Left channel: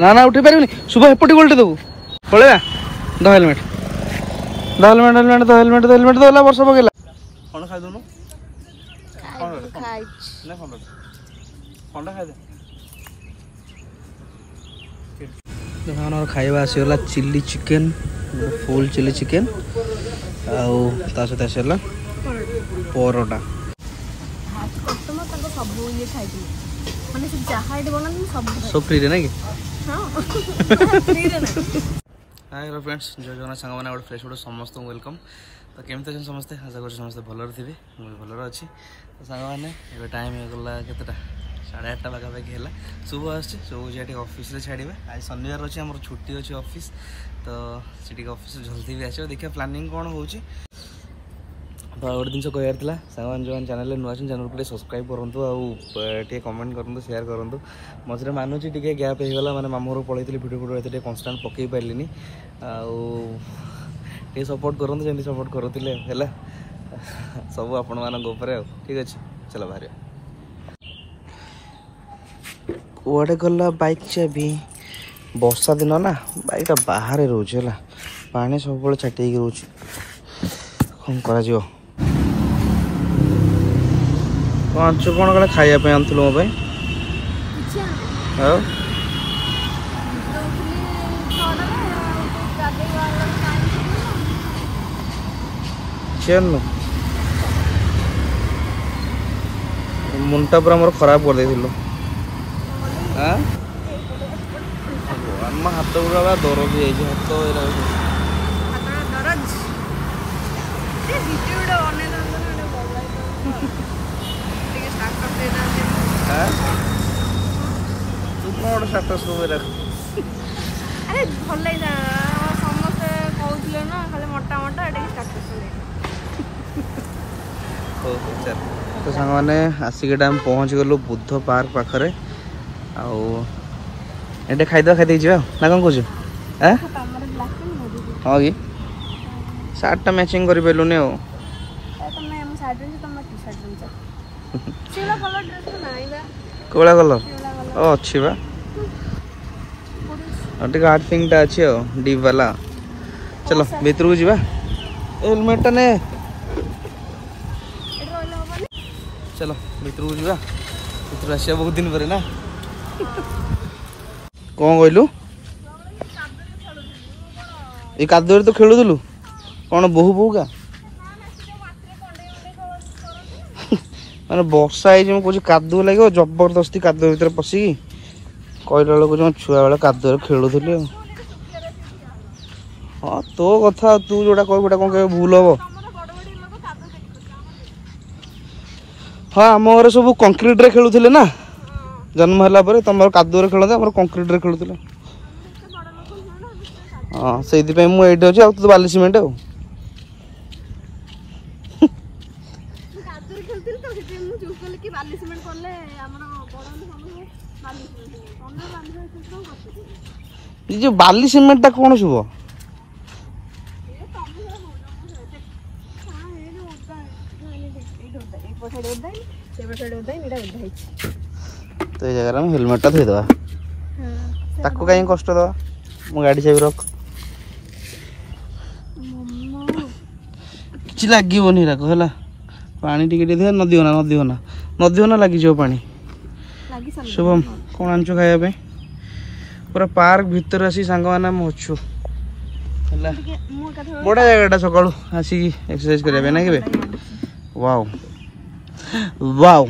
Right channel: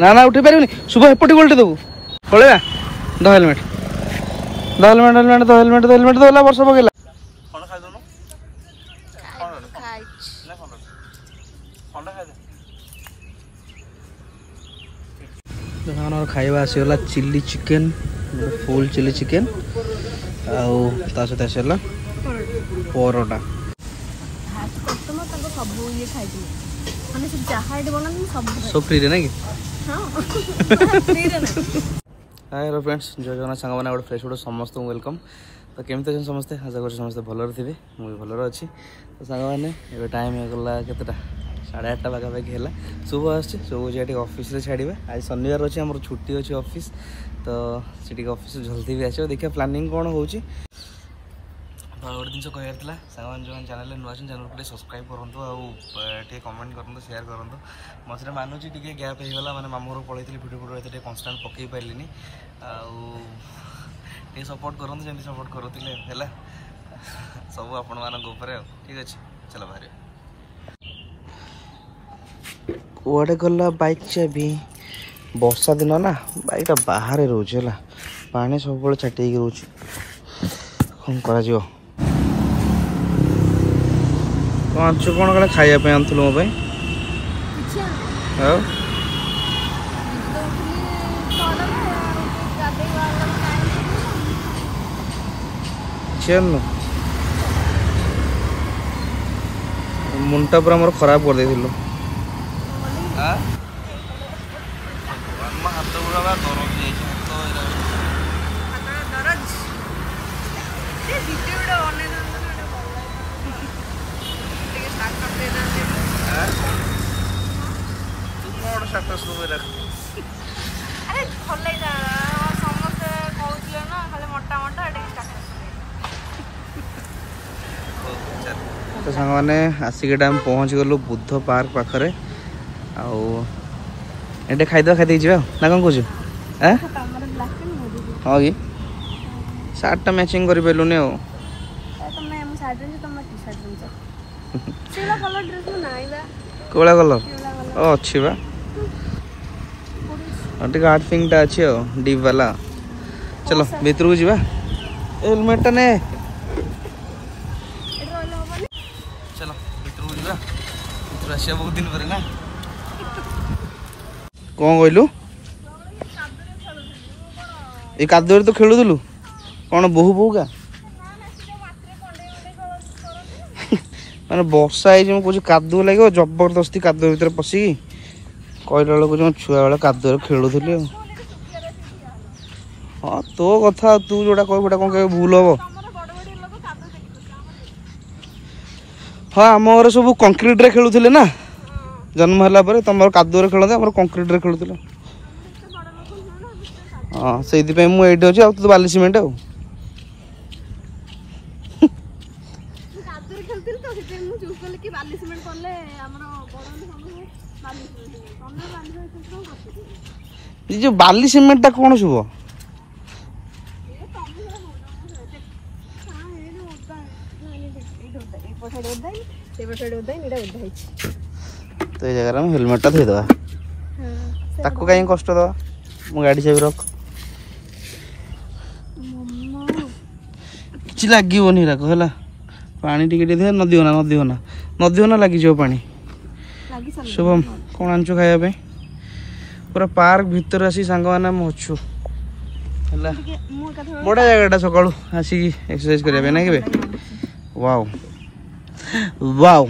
ना ना उठे पारिबनी शुभ एपटी गोल्टी देबू पळेबा द हेलमेट दला वर्ष पकेला कोन खाइ दनु खाइ ना कोन खाइ दे खाइबा आसीगला chilli chicken full chilli chicken आउ ता सहित आसीगला परोटा सब फ्री रे ना कि हाय हेलो फ्रेंड्स जय जगन्नाथ सांग मैंने गोटे फ्रेश गोटे समस्त वेलकम तो केमती अच्छे समस्ते आशा कर समस्ते भलर थे मुझे भलर अच्छी तो सांग मैंने ये टाइम होगा केतटा 8:30 पाखापाखि है शुभ आसुभ ऑफिस छाड़े आज शनिवार अच्छे आम छुट्टी अच्छी ऑफिस तो सीटी ऑफिस जल्दी भी आस देखिए प्लानिंग कौन हो तो गोटे जिन कहला सांग जो चैनल नुआ चैनल को सब्सक्राइब करूँ आउ कमेंट करूँ शेयर करूँ मझे मानुची टे गैप होगा मैंने मामू घर पलैली भिडियो भिडियो कन्स्टाट पकई पारे आउ सपोर्ट करूँ जमी सपोर्ट करूँ है सब आपण मान ठीक अच्छे चलो बाहर कड़े गला बाइक चाबी वर्षा दिन ना बाइकटा बाहर रोज है पानी सब छाटी रोच कौन कर कौन कौन खाया आनू मो मुंटा पूरा मोर खराब कर दे हाथ गुड़ा दरज तू कौन स्टेटस रख अरे भल समस्ते कहते ना खाली मोटा मोटा तो सांग मैंने आसिक टाइम पहुँच गलु बुद्ध पार्क पाखरे आए खाईद खाई ना कौन कौच हाँ कि सार्टा मैचिंग कर पारे कला कलर अच्छी बा आर्ट थिंग टा अच्छी डीप वाला चलो भीतर को जीवा हेलमेट टा ने चलो भीतर को जीवा आसिया बहुत दिन पर ना कौन कहलु ये कादुरे तो खेलुलु कौन बोहू बोहू का माने वर्षा है कुछ कादुआ लगे जबरदस्ती कादुआ भीतर पशिकी कहला बेलू छुआ बेले कादुआ खेलुली हाँ तो कथा तू जोटा कह कौन के भूल हम हाँ आम घर सब कंक्रीट रे खेलुले ना जन्म है तुम कादुआ खेलते आम कंक्रीट रे खेलुले हाँ से मुझे अच्छे आ तो बाली सीमेंट जो बाली सीमेंट टा कौन सब तो ये जगह हेलमेट टा थोड़ा ताको कहीं कष्ट दवा मो गाड़ी चाबी रख कि लगनी है पानी टिके नदी होना लगी जाओ पानी शुभम कौन आंचु खाया पूरा पार्क भीतर आसी सांग मैंने अच्छु बड़ा जगह सकालू आसिक एक्सरसाइज करें ना कि वाओ वाओ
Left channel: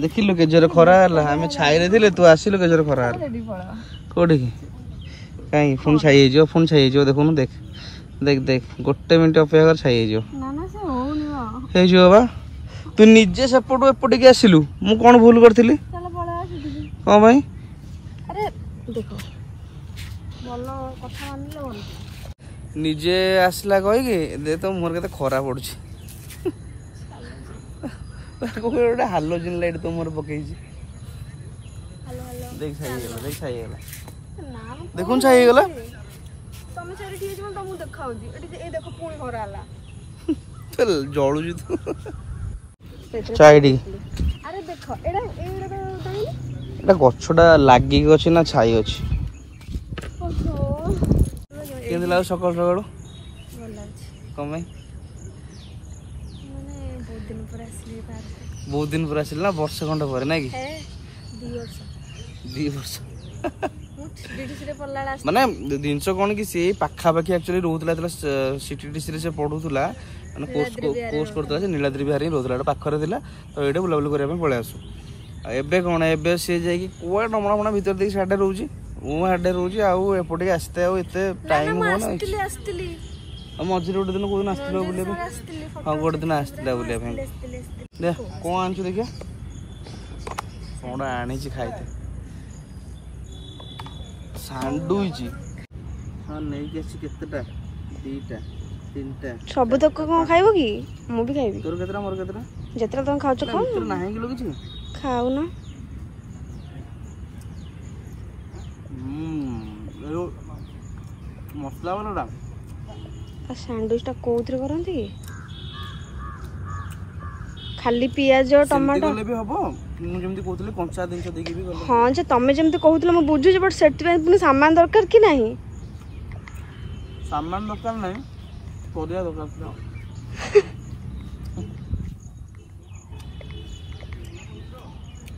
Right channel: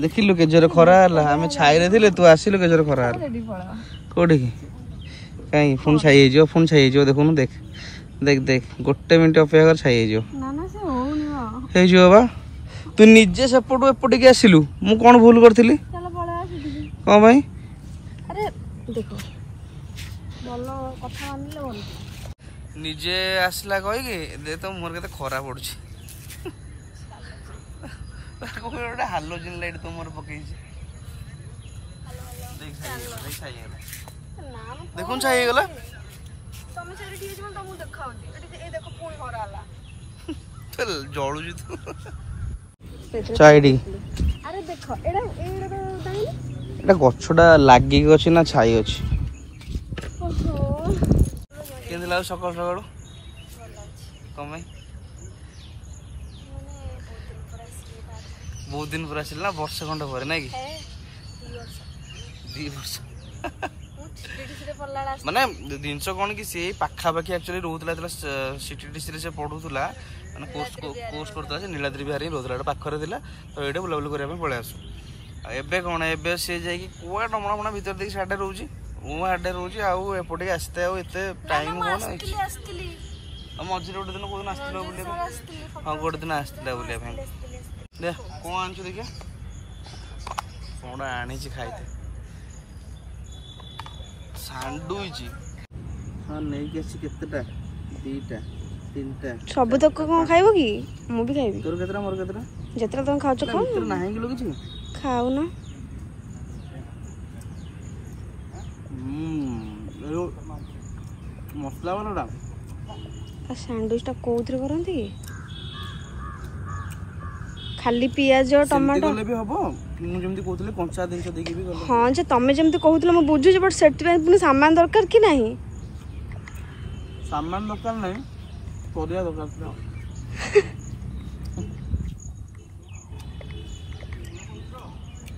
देखिलु केजर खरा आम छाई थे तू आसिलु केजर खरा कौटे कि कहीं फोन छाई फोन छाई देखुन देख देख देख गोटे मिनट अपेक्षा कर छाई बा तू निजे सेपटू एपटिक आसिलु मु कौन भूल करी कौन भाई निजे आसला कहीकि तो मोर के खरा पड़ुची गोटे हालोजिन लाइट तो मोर पकई देख छाई देखुन छाई गला जलुची तू ଚାଇଡି ଆରେ ଦେଖ ଏଇଟା ଏଟା ଗଛଟା ଲାଗିକି ଅଛି ନା ଛାଇ ଅଛି? କେମିତି ଲାଗୁଛି ସକାଳୁ ସକାଳୁ? କଣ ପାଇଁ? ବହୁତ ଦିନ ପରେ ଆସିଲି ନା, ବର୍ଷେ ଖଣ୍ଡେ ପରେ ନାଇଁ କି? 2 ବର୍ଷ ମାନେ ଜିନିଷ କଣ କି ସେ ପାଖାପାଖି ଆକ୍ଚୁଆଲି ରହୁଥିଲା ସିଟିଡିସି ରେ ସେ ପଢୁଥିଲା, ମାନେ କୋର୍ସ କରୁଥିଲା, ସେ ନୀଳାଦ୍ରି ବିହାରରେ ହିଁ ରହୁଥିଲା, ଏଟା ପାଖରେ ଥିଲା ତ ଏଇଟା ବୁଲାବୁଲି କରିବା ପାଇଁ ପଳେଇ ଆସୁ। ଆଉ ଏବେ କଣ, ଏବେ ସେ ଯାଇକି କୁଆ ଡମଣା ଫମଣା ଭିତରେ ଦେଇକି ସାଡେ ରହୁଛି, ମୁଁ ହାଡେ ରହୁଛି, ଆଉ ଏପଟିକି ଆସିତେ ଆଉ ଏତେ ଟାଇମ ହୁଅନା। ଆଉ ମଝିରେ ଗୋଟେ ଦିନ କୋଉ ଦିନ ଆସିଥିଲ ବୁଲିବା ପାଇଁ? ହଁ ଗୋଟେ ଦିନ ଆସିଥିଲା ବୁଲିବା ପାଇଁ। ଦେ କଣ ଆଣିଛୁ ଦେଖିଆ, କଣଟା ଆଣିଛି ଖାଇତେ। ସାଣ୍ଡୁଇଚ ହଁ ନେଇକି ଆସିଛି। କେତେଟା? 2ଟା 3ଟା। ସବୁ ତକ କଣ ଖାଇବ କି? ମୁଁ ବି ଖାଇବି। ତୋର କେତେଟା ମୋର କେତେଟା? ଯେତେଟା ତମେ ଖାଉଛ ଖାଅ। ତୋର ନାହିଁ କିଲୋ କିଛି? ଖାଉନ। ମସଲା ବାଲାଟା। ଆଉ ସ୍ୟାଣ୍ଡୱିଚଟା କୋଉଥିରେ କରନ୍ତି କି? ଖାଲି ପିଆଜ ଟମାଟୋ ବି ହବ, ମୁଁ ଯେମିତି କହୁଥିଲି କଞ୍ଚା ଜିନିଷ ଦେଇକି ବି ଗଲେ। ହଁ ଯେ ତମେ ଯେମିତି କହୁଥିଲ ମୁଁ ବୁଝୁଛି, ବଟ୍ ସେଥିପାଇଁ ପୁଣି ସାମାନ ଦରକାର କି ନାହିଁ? ସାମାନ ଦରକାର ନାହିଁ, ପରିବା ଦରକାର ଥିଲା।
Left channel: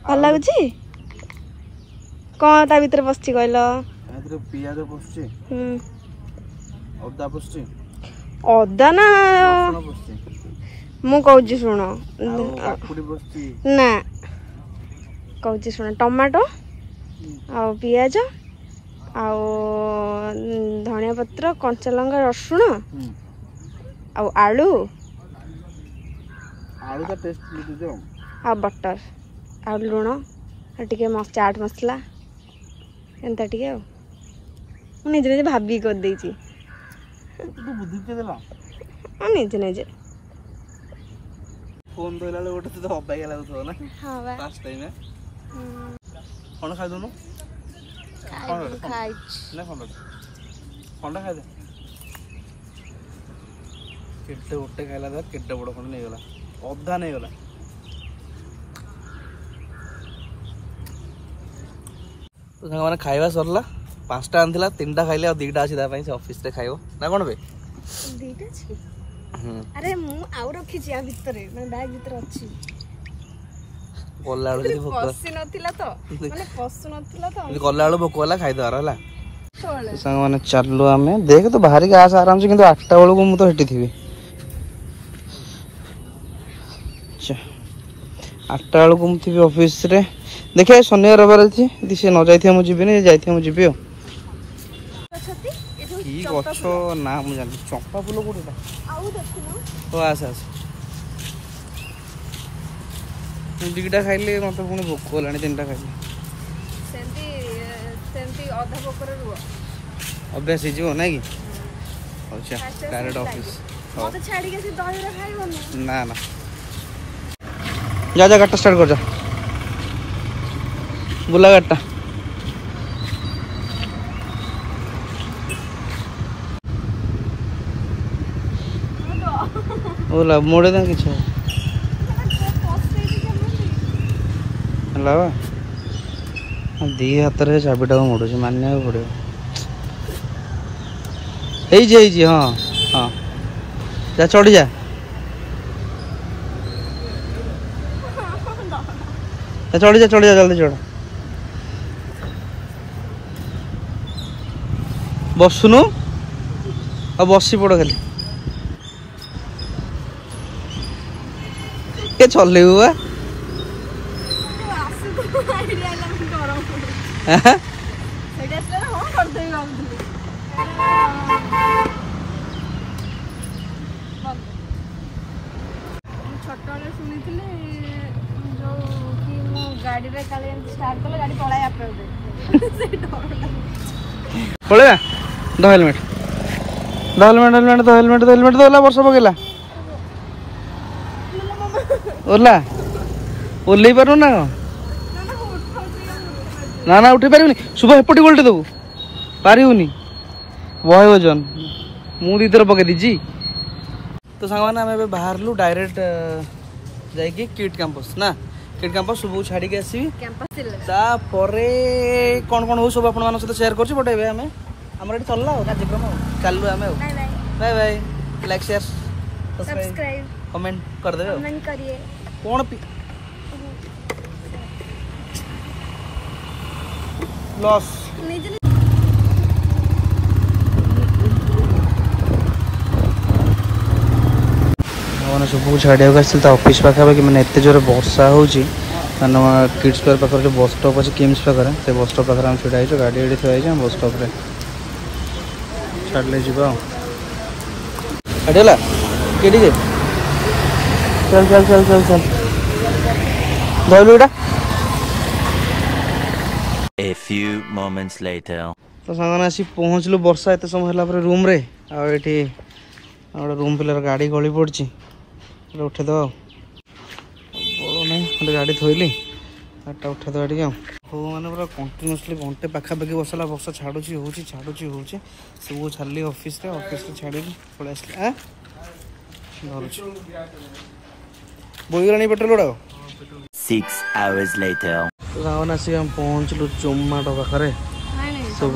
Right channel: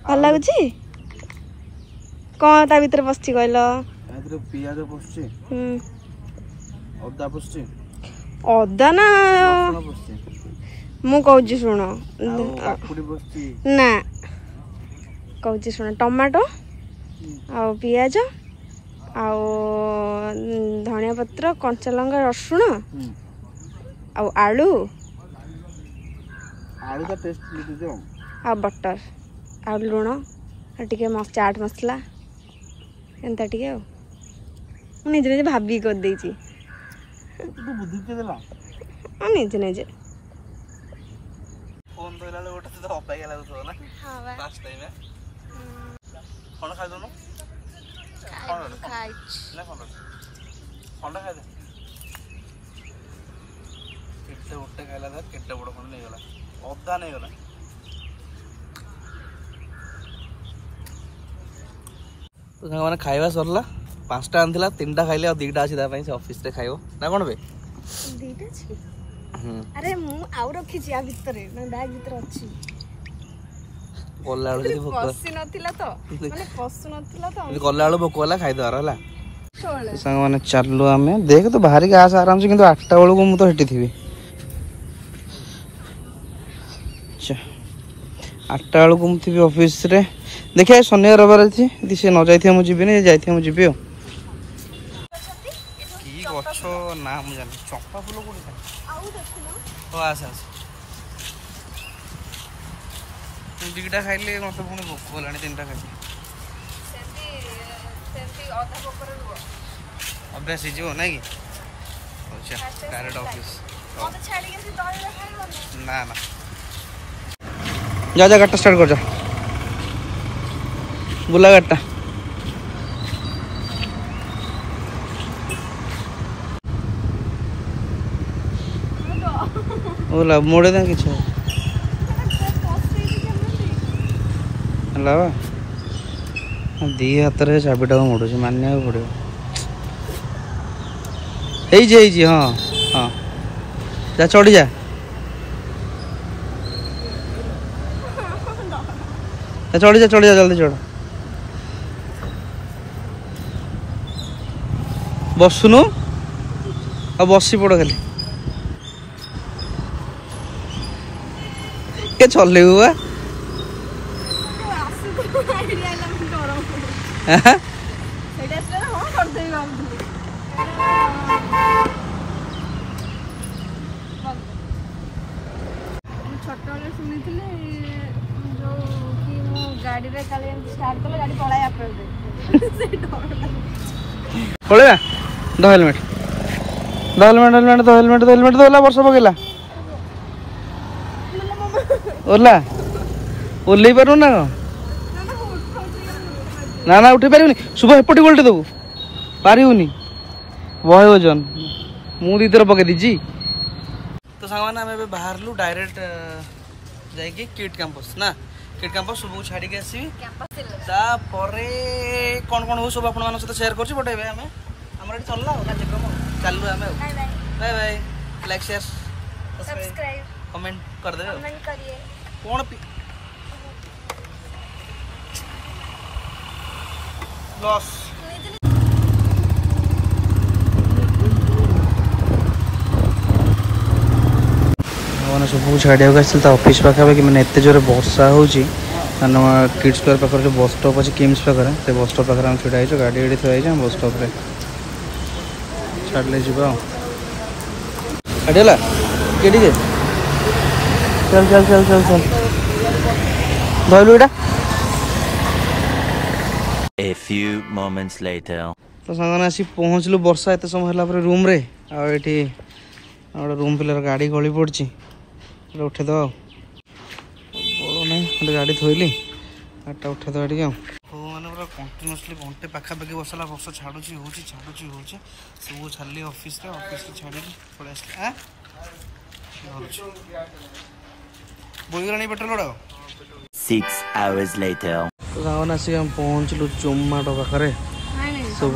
ଭଲ ଲାଗୁଛି? କଣ ତା ଭିତରେ ପଶିଛି କହିଲ? ତା ଭିତରେ ପିଆଜ ପଶୁଛି, ଅଦା ପଶୁଛି। ଅଦା ନା ମୁଁ କହୁଛି ଶୁଣ, ନା କହୁଛି ଶୁଣ, ଟମାଟୋ ଆଉ ପିଆଜ ଆଉ ଧନିଆ ପତ୍ର, କଞ୍ଚା ଲଙ୍କା, ରସୁଣ ଆଉ ଆଳୁ ଆଉ ବଟର ଆଉ ଲୁଣ ଆଉ ଟିକେ ଚାଟ ମସଲା, ଏନ୍ତା ଟିକେ। ଆଉ ମୁଁ ନିଜେ ନିଜେ ଭାବିକି କରିଦେଇଛି। ନିଜେ ନିଜେ ଫୋନ ଧରିଲା ବେଳେ ଗୋଟେ ତ ଅବାଗିଆ ଲାଗୁଥିବ ନା? ଫାଷ୍ଟ ଟାଇମ୍ କଣ ଖାଇଦଉନୁ? ଖଣ୍ଡା ଖାଇଦେ। କେତେ ଗୋଟେ ଖାଇଲା ବେଳେ କେତେ ବଡ ଖଣ୍ଡ ନେଇଗଲା, ଅଧା ନେଇଗଲା। ତ ସାଙ୍ଗମାନେ ଖାଇବା ସରିଲା, 5ଟା ଆଣିଥିଲା, 3ଟା ଖାଇଲେ, ଆଉ 2ଟା ଅଛି ତା ପାଇଁ, ସେ ଅଫିସରେ ଖାଇବ ନା କଣ ବେ? ଆରେ ମୁଁ ଆଉ ରଖିଛି ଆ ଭିତରେ, ବ୍ୟାଗ ଭିତରେ ଅଛି। ଗଲା ବେଳକୁ ଭୋକ ହେଲା, ଖାଇଦବାର ହେଲା। ସାଙ୍ଗମାନେ ଚାଲୁ ଆମେ, ଦେଖ ତୁ ବାହାରିକି ଆସ ଆରାମସେ, କିନ୍ତୁ 8ଟା ବେଳକୁ ମୁଁ ତ ସେଠି ଥିବି। 8ଟା ବେଳକୁ ମୁଁ ଥିବି ଅଫିସରେ। ଦେଖିବା ଶନିବାର ରବିବାର ଅଛି, ଯଦି ସେ ନ ଯାଇଥିବ ମୁଁ ଯିବିନି, ଯାଇଥିବ ମୁଁ ଯିବି। ଆଉ କି ଗଛ ନା ମୁଁ ଜାଣିଛି, ଚମ୍ପା ଫୁଲ କୋଉଠି? ତ ଆସ 2ଟା ଖାଇଲେ ମତେ ପୁଣି ଭୋକ ହେଲାଣି, 3ଟା ଖାଇଲେ ଅଭ୍ୟାସ ହେଇଯିବ ନାଇଁ କି? ଆଚ୍ଛା ଡାଇରେକ୍ଟ ଅଫିସ। ନା ନା ଯା ଗାଡ଼ିଟା ଷ୍ଟାର୍ଟ କର, ଯା ବୁଲା ଗାଡ଼ିଟା। बोला मोड़े दें किछु हला दी हाथ रे चाबिटा को मोड़ुଛି मानिବାକୁ ପଡିବ। ହେଇଛି ହଁ ହଁ ଯା ଚଢି ଯା ଚଢି ଯା ଜଲ୍ଦି ଚଢ। ବସୁନୁ ଆଉ ବସି ପଡ ଖାଲି के चलेबू बा हेलमेट वर्ष पकेला ओला ओल्लै पारू ना ना ना उठे पारिबनी शुभ एपटे गोलटे देबू पारिबनी बहुत वजन मु दी थर पके दीजी। तो सांग मैंने आम बाहर डायरेक्ट जाइए किड कैंपस ना किड कैंपस सब छाड़ी के आसबि कैंपस तापरे कौन कौन हो सब आपण मान सहित शेयर करछि बट एबे हमें हमर एटी चलला कार्यक्रम चलु हमें bye bye bye bye like share subscribe comment कर देबे कमेंट करिए कौन लॉस सब छाड़िया ऑफिस पाखापाखि मैंने एत जोर बर्षा हो किड्स स्क्वायर पाखे बस स्टॉप अच्छे किम्स पाखे से बस स्टॉप पाखे छुड़ा हो गाड़ी गाड़ी थोड़ा बस स्टॉप छाड़े जा छाड़ीला चल चल चल चल चल धरलु एटा A few moments later. तो सांगने आसी पहुँचलु वर्षा एत समय है रूम रे आठी रूम पिलर गाड़ी गली पड़ी उठे दो नहीं गाड़ी थोइली गाड़ी उठे दो ये हो मैंने पूरा कंटिन्यूसली घंटे पाखापाखि बसला वर्षा छाड़ुची हो छाड़ुची हो सब छाड़ी ऑफिस छाड़ी पलि धरुची बोईगलानी पेट्रोल गुड़ा 6 hours later. तो सामने आसिक हम पहुँचलु जोमाटो पाखे सब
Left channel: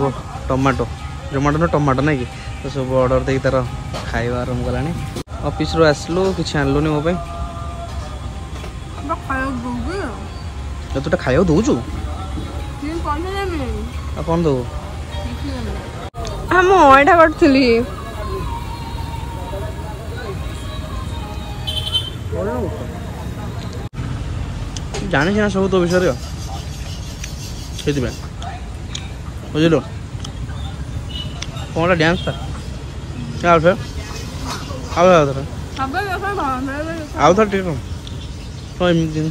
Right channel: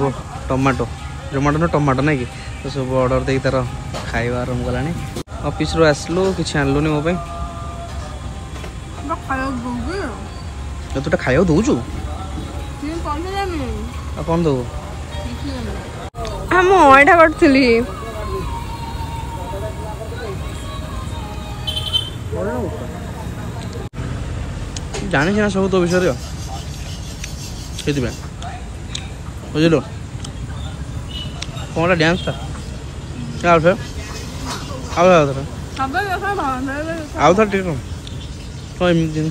टमाटो जोमाटो ना टमाटो ना कि तो सब ऑर्डर दे तार खाଇବା आरंभ गलानी ऑफिस रो आसलु किछि आनलुनी मो पे तो तुटा खाइयो दउजु कौन दो हम एटा करथली जानी ना सब तो विषय से बुझलु कौन डांस था आउ थे आउ था ठीक है जिन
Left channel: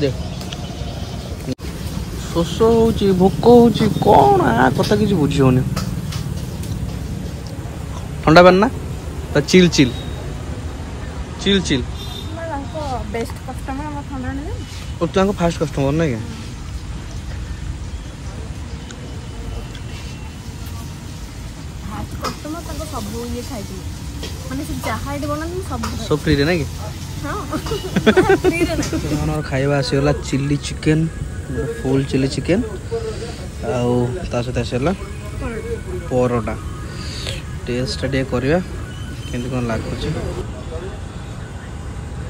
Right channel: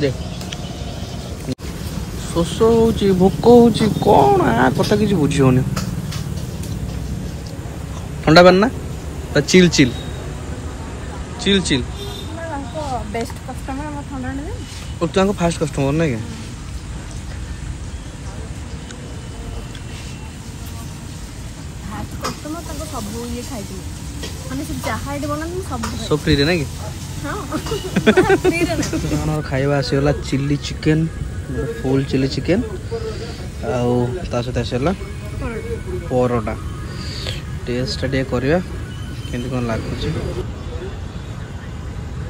दे शोष हो भोक हो कौन आ कथा किसी बुझी होनी ठंडा पानी ना chill chill chill chill best customer हम ठंडा नहीं तो फास्ट कस्टमर ना क्या कस्टमर तब सब ये खाइ माने से जहा आइडी बना सब फ्री रे ना कि हां फ्री रे ना खाइबा आसीगला chilli chicken full chilli chicken आउ ता सहित आसीगला परोटा टेस्ट डे करवा केमती कौन लगुच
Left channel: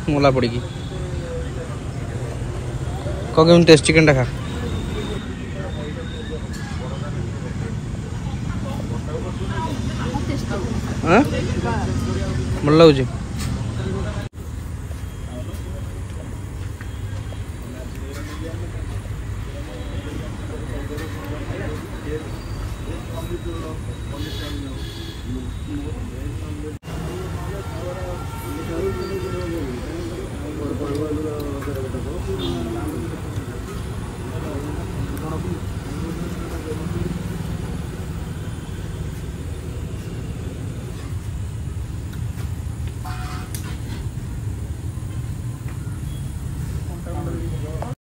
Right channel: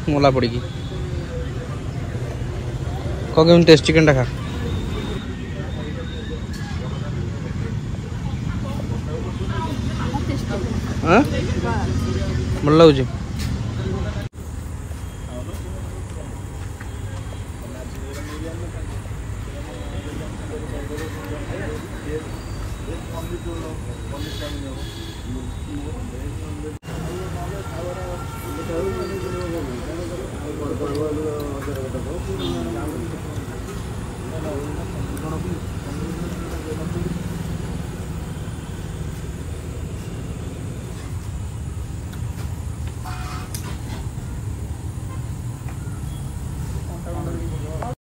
मला पड़ी कम टेस्ट चिकेन खा हाँ भल लगुच